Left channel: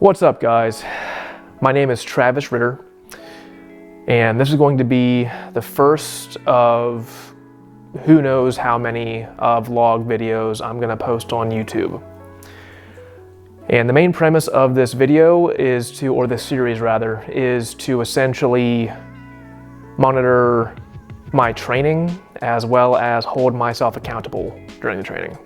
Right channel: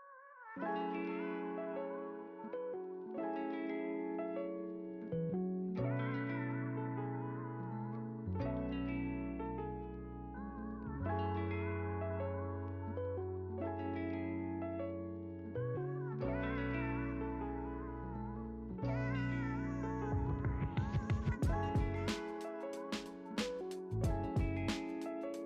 What's up, guys? My name is Travis Ritter, and this is going to be the first of who knows how many vlog videos I'm gonna post on YouTube. And the main premise of this video is to, or this series rather, is to essentially monitor my training as well as hold myself accountable during the training.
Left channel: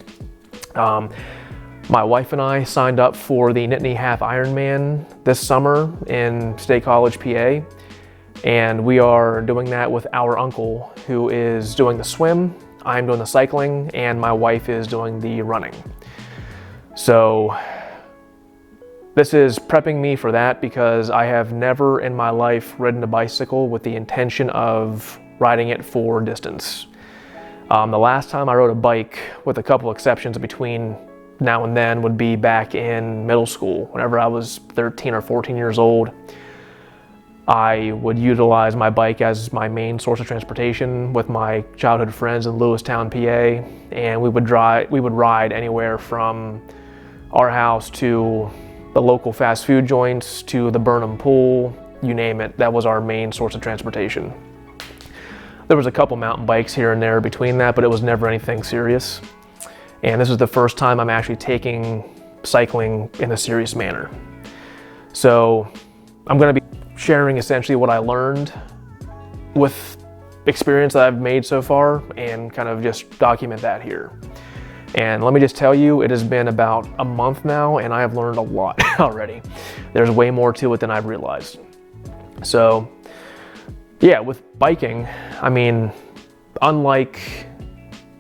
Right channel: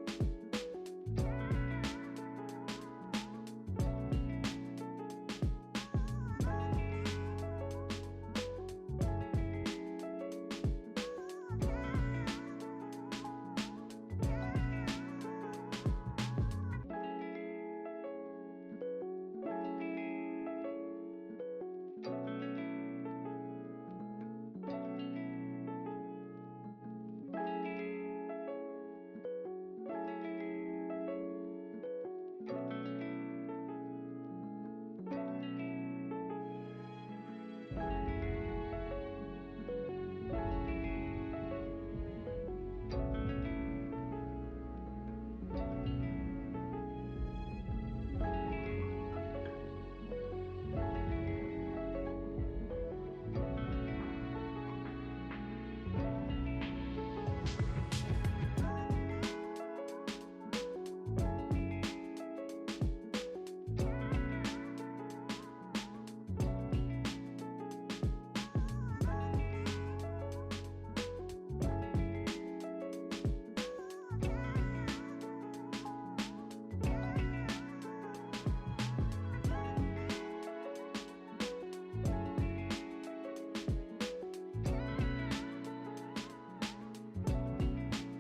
My wife and I signed up for the Nittany Half Ironman this summer in State College, PA, and we are doing that with our uncle, who is doing the swim, I'm doing the cycling, and my wife is doing the running. So this is prepping me for that because I have never in my life ridden a bicycle with the intention of riding it for distance. The last time I rode a bike, with a couple exceptions between now and then, would be back in middle school. Whenever I was 13 or 14 years old, I would utilize my bike as my main source of transportation with my childhood friends in Lewistown, PA, and we would ride anywhere from our house to the local fast food joints to the Burnham pool, you name it. That was our main source of transportation. There was a couple mountain bikes here and there between that, but it was never anything serious. And this is the first time I'm actually taking cycling in a serious manner. So I'm gonna be sharing essentially what I learned with experience that I've made so far and kind of just document that here. And let me just tell you, it has been about a month now and I have learned a lot already. There's way more to it than I've realized. So yeah, with biking, I mean, unlike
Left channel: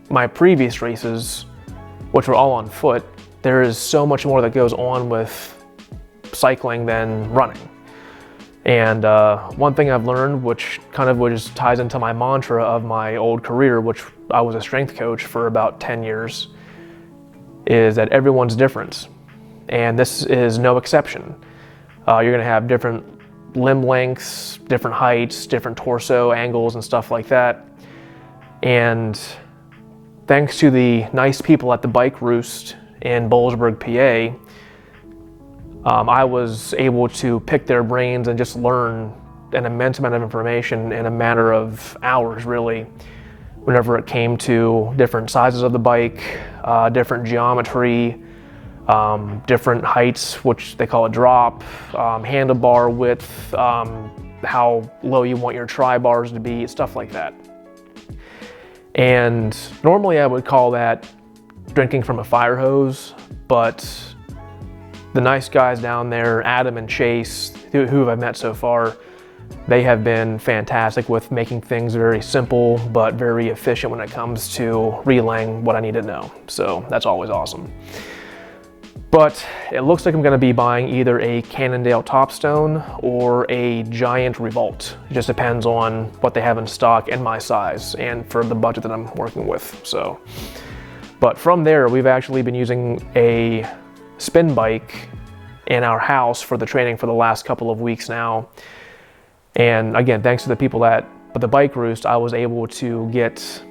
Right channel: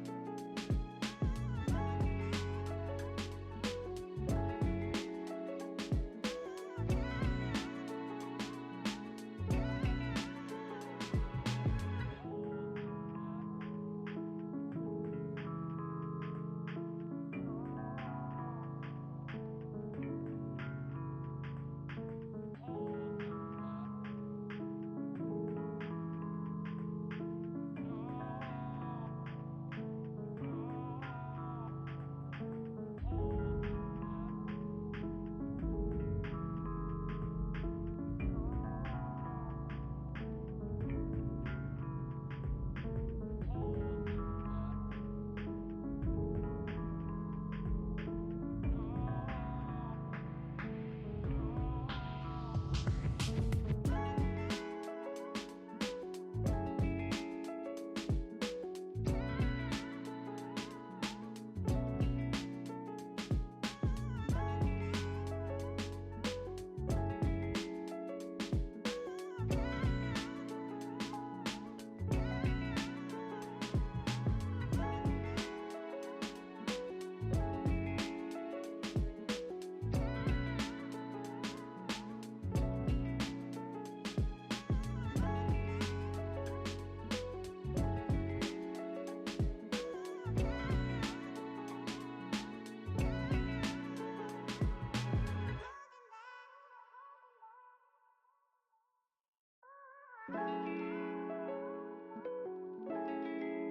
my previous races, which were all on foot, there is so much more that goes on with cycling than running. And one thing I've learned, which kind of just ties into my mantra of my old career, which I was a strength coach for about 10 years, is that everyone's different. And this is no exception. You're gonna have different limb lengths, different heights, different torso angles and stuff like that. And thanks to the nice people at the Bike Roost in Boalsburg, PA, I was able to pick their brains and just learn an immense amount of information in a matter of hours, really, whenever it came to different sizes of the bike, different geometry, different heights, which they call a drop, handlebar width, how low you want your tri-bars to be, stuff like that. And normally I would call that drinking from a fire hose, but the nice guys down there, Adam and Chase, who I've met so far, they have been fantastic with making things very simple, but very efficient when it comes to relaying what I need to know. So that's always awesome. But it looks like I'm gonna be buying either a Cannondale Topstone or a Giant Revolt. It just depends on what they have in stock and my size and for the budget that I'm working with, so. But from there, we've actually been using a spin bike in our house for the training for the last couple of weeks now. And again, thanks to the people at the Bike Roost, I was able to get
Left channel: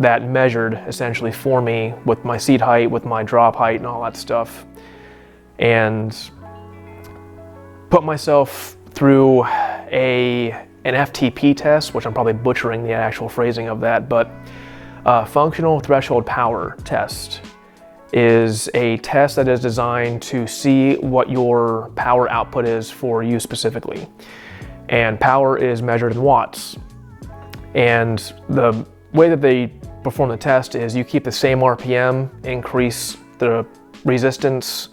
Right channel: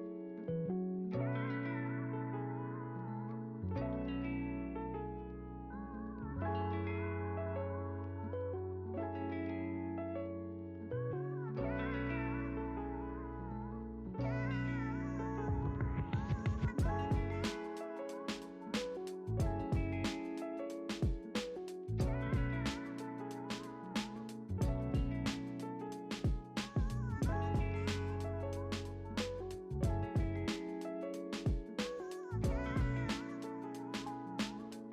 that measured essentially for me with my seat height, with my drop height and all that stuff. And put myself through an FTP test, which I'm probably butchering the actual phrasing of that, but functional threshold power test is a test that is designed to see what your power output is for you specifically. And power is measured in watts. And the way that they perform the test is you keep the same RPM, increase the resistance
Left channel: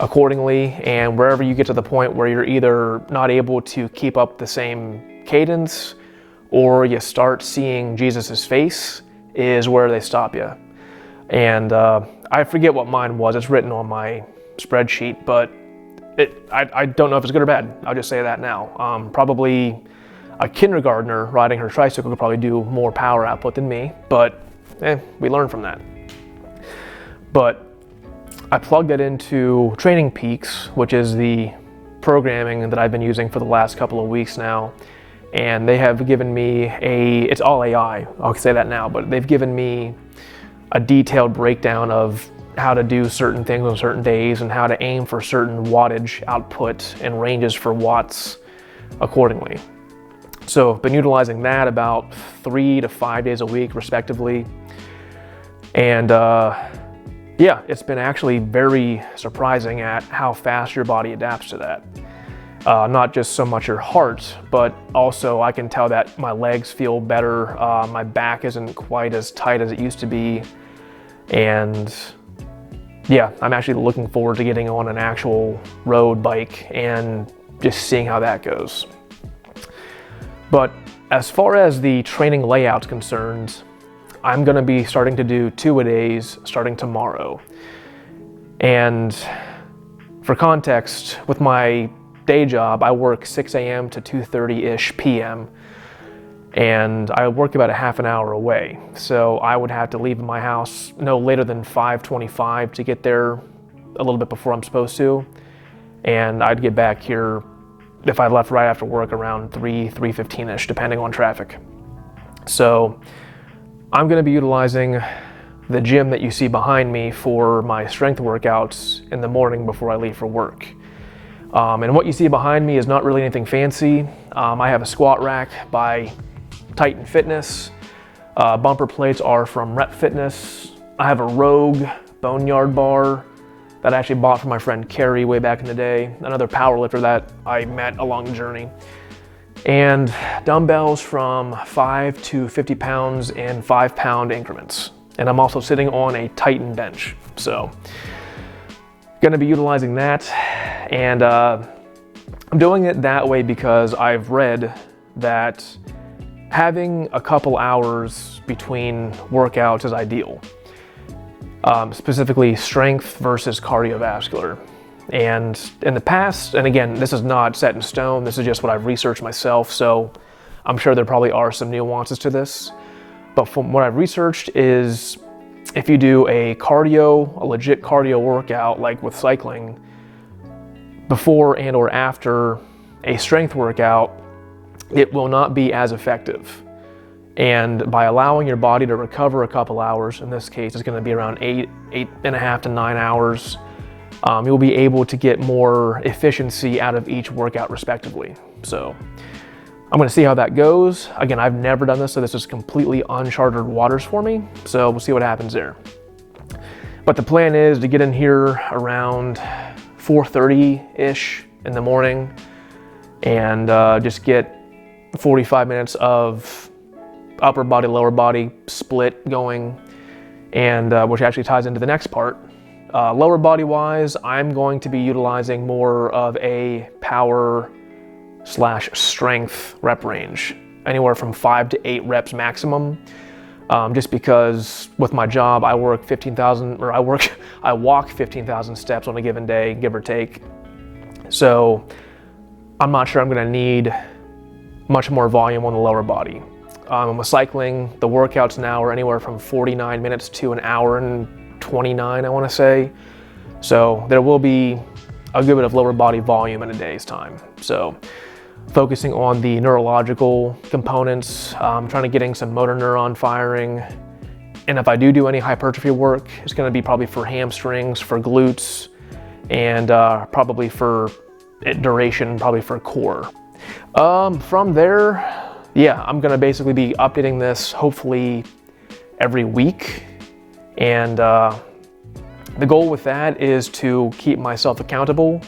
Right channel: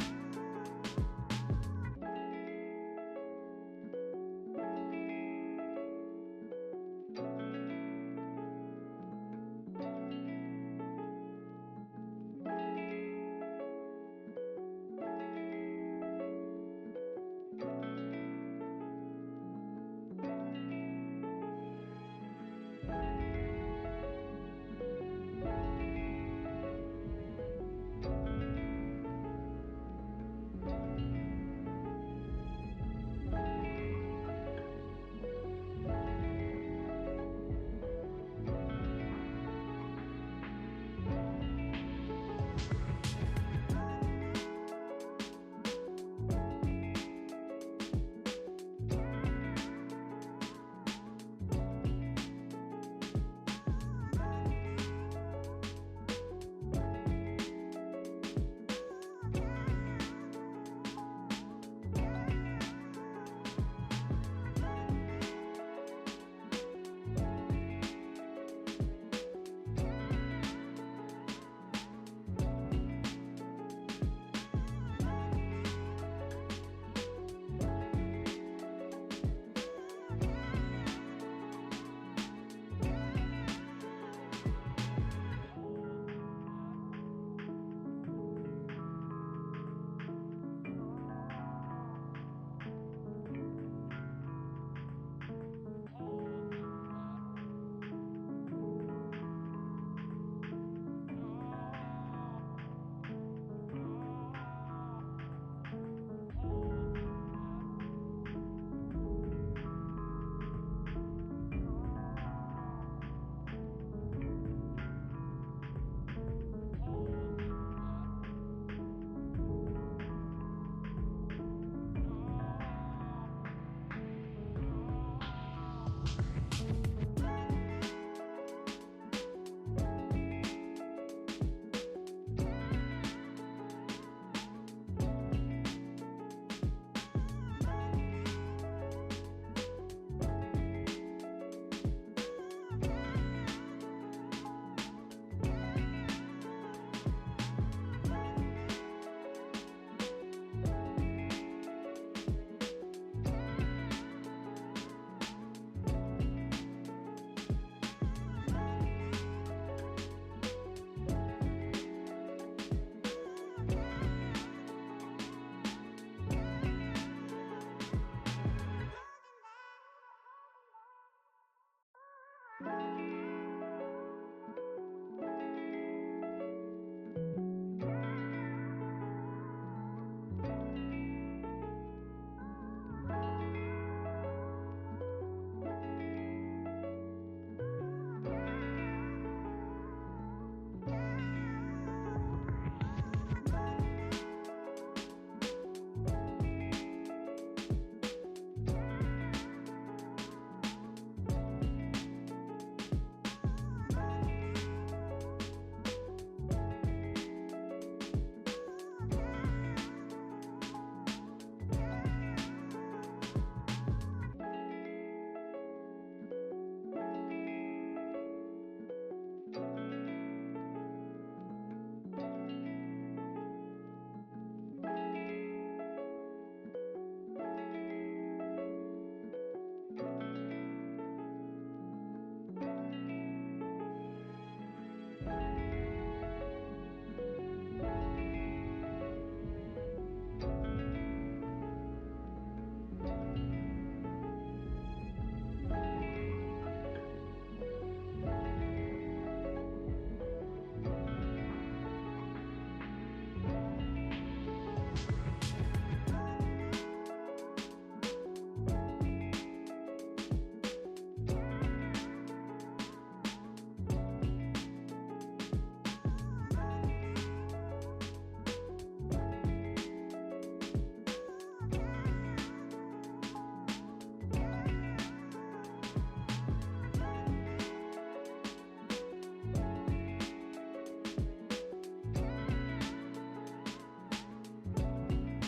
accordingly, and wherever you get to the point where you're either not able to keep up the same cadence or you start seeing Jesus's face is where they stop you. And I forget what mine was, it's written on my spreadsheet, but I don't know if it's good or bad. I'll just say that now. Probably a kindergartner riding her tricycle could probably do more power output than me, but we learn from that. But I plugged it into Training Peaks, which is the programming that I've been using for the last couple of weeks now. And they have given me it's all AI, I'll say that now, but they've given me a detailed breakdown of how to do certain things on certain days and how to aim for certain wattage output and ranges for watts accordingly. So I've been utilizing that about 3 to 5 days a week respectively. And yeah, it's been actually very surprising at how fast your body adapts to that. Not just so much your heart, but also I can tell that my legs feel better. My back isn't quite as tight as it used to be. And yeah, I'm actually looking forward to getting on an actual road bike and just seeing how that goes. But as far as the training layout's concerned, I'm gonna be starting to do 2-a-days starting tomorrow. And for context, with my day job, I work 6 a.m. to 2:30-ish p.m. and I work about a half an hour away. So I would have to leave my house no later than 5:25 to get there a little bit before I'm supposed to. And I'd get back here if I left right after work around 3:15-ish, depending on traffic. So I'm gonna be utilizing the gym that you see behind me for my strength workouts in the morning before I leave for work. And what you see behind me is not really anything fancy. I have a squat rack by Titan Fitness. Bumper plates are from Rep Fitness. I have a Rogue Boneyard bar that I actually bought from my friend Carrie way back in the day, another power lifter that I met along the journey. And dumbbells from 5 to 50 pounds in 5-pound increments. And I'm also sitting on a Titan bench. So gonna be utilizing that. And I'm doing it that way because I've read that having a couple hours between workouts is ideal. Specifically strength versus cardiovascular. And in the past, and again, this is not set in stone, this is just what I've researched myself, so I'm sure there probably are some nuances to this. But from what I've researched is if you do a legit cardio workout, like with cycling, before and or after a strength workout, it will not be as effective. And by allowing your body to recover a couple hours, in this case, it's gonna be around 8.5 to 9 hours, you'll be able to get more efficiency out of each workout respectively. So I'm gonna see how that goes. Again, I've never done this, so this is completely uncharted waters for me. So we'll see what happens there. But the plan is to get in here around 4:30-ish in the morning and just get 45 minutes of upper body, lower body split going, and which actually ties into the next part. Lower body wise, I'm going to be utilizing more of a power / strength rep range, anywhere from 5 to 8 reps maximum. Just because with my job, I walk 15,000 steps on a given day, give or take. So I'm not sure I'm gonna need much more volume on the lower body. With cycling, the workouts now are anywhere from 49 minutes to an hour and 29, I wanna say. So there will be a good bit of lower body volume in a day's time. So focusing on the neurological components, trying to getting some motor neuron firing. And if I do any hypertrophy work, it's gonna be probably for hamstrings, for glutes, and probably for duration, probably for core. From there, yeah, I'm gonna basically be updating this hopefully every week. And the goal with that is to keep myself accountable,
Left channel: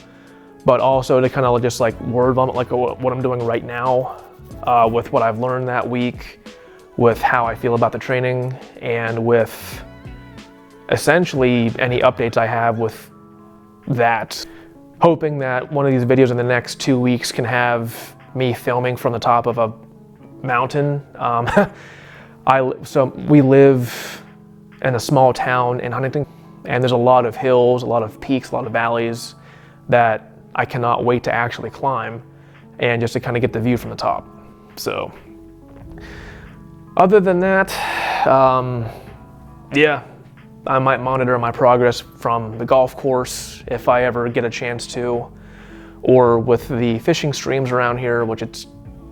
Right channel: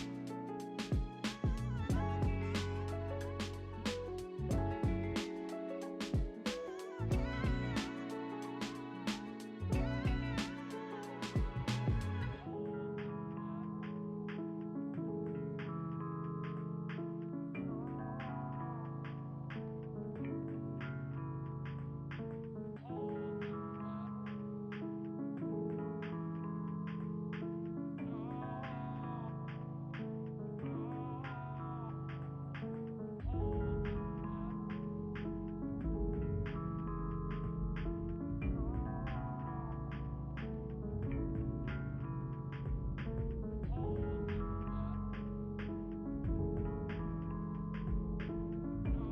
but also to kind of just like word vomit like what I'm doing right now with what I've learned that week, with how I feel about the training, and with essentially any updates I have with that. Hoping that one of these videos in the next 2 weeks can have me filming from the top of a mountain. So we live in a small town in Huntington, and there's a lot of hills, a lot of peaks, a lot of valleys that I cannot wait to actually climb, and just to kind of get the view from the top. So other than that, yeah, I might monitor my progress from the golf course if I ever get a chance to, or with the fishing streams around here, which it's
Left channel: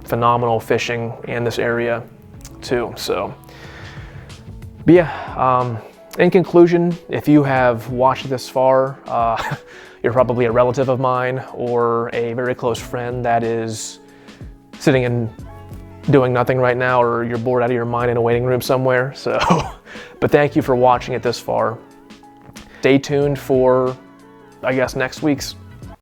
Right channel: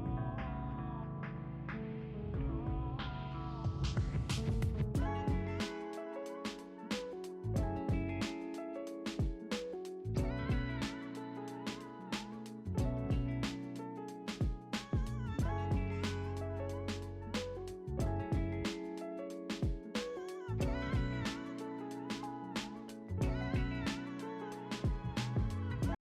phenomenal fishing in this area too. So, but yeah, In conclusion, if you have watched this far, you're probably a relative of mine or a very close friend that is sitting and doing nothing right now, or you're bored out of your mind in a waiting room somewhere. So, but thank you for watching it this far. Stay tuned for, I guess, next week's